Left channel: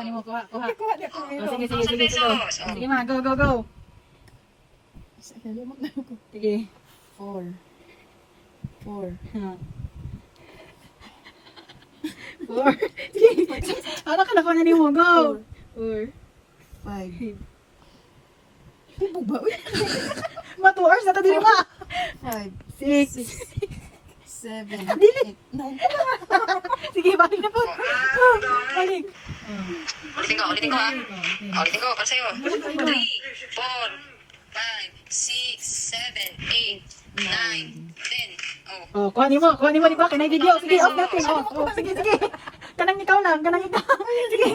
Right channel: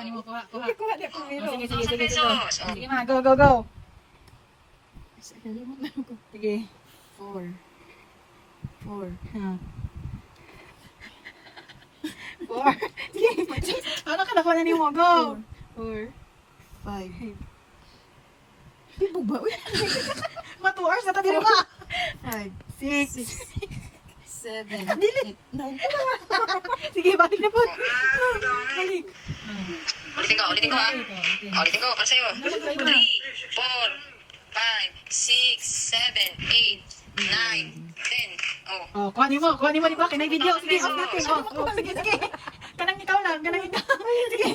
Kuha mo, kuha. Kuha di ako Sige, miro. sige, sige, sige. pesos. Sige, ma, go, go, go. Sige. 4. 4. Ha. 4. Sige. Ano ka nakuha na ni mo? Go. 4. 5. Pibo ba? Ma, 2 hours na ito din ma. 5. 6. 7. Dili. 8. 9. Sige, balik na po. Balik. Ulitin ko, ulitin ko ha. Ulitin ko, para sa'yo. 3, 4, 5, 6, 7, 8, 9, 10. Oh. Oh, kuha ni mo, di ba? Kinay video. Sige, off natin. Oh, sige, sige. Kanang ikaw lang, kanang ikaw. Sige.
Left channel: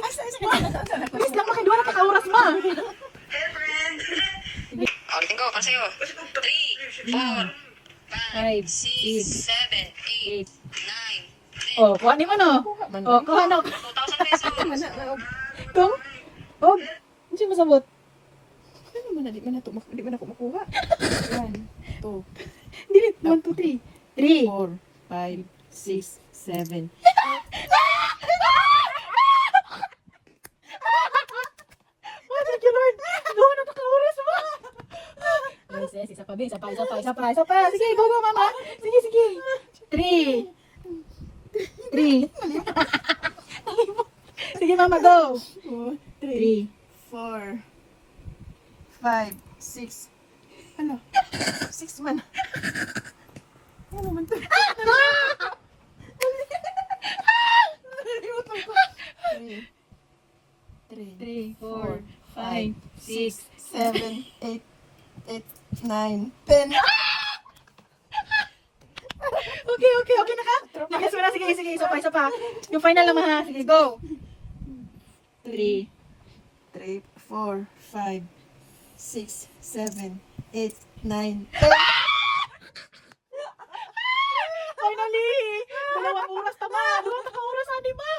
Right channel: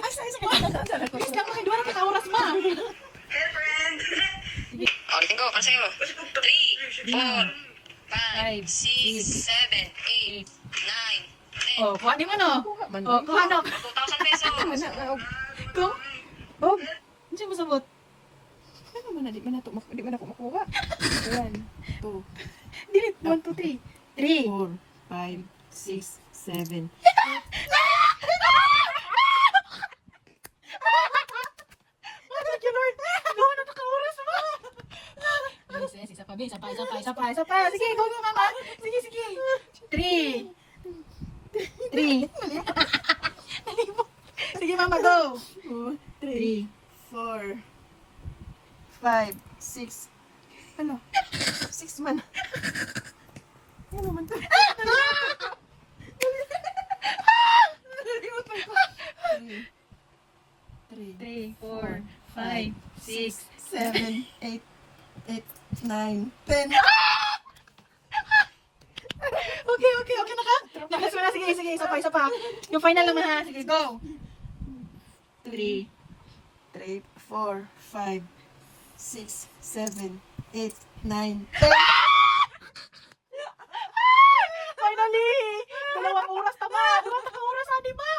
Please lang, makiduwa na kaka-oras ma. Ulitin ko, para sa'yo. 3, 4, 5, 6, 7, 8, 9, 10. Oh, kuha ni mo no. Oh, kuha no. 2,000 pesos. Kung? Oh, hindi mo sabot. Ano man na, di man ako makuha. 1, 2, Dili, 1, 2, 3. 3. 4, 5, 6, 7. Thank you, Lord. Go na naka-oras mo. Yes, yes, isa pa. Sige, go, go, mama. Sige, sige. 3. 3. Sige, mama, go. 3. 4, 5, 6. Ano? 6 man. Ano man to? 3, 4, 5, 6. 7, 8, 9, 10. Okay na ka? Nakis mo na, sige, isa pa. Yung final naman ha, sige, go. 3. 3, 4, 5, 6, 7, 8, 9, 10. Finally! Dalawang oras na ba? Dalawang oras na, di ba?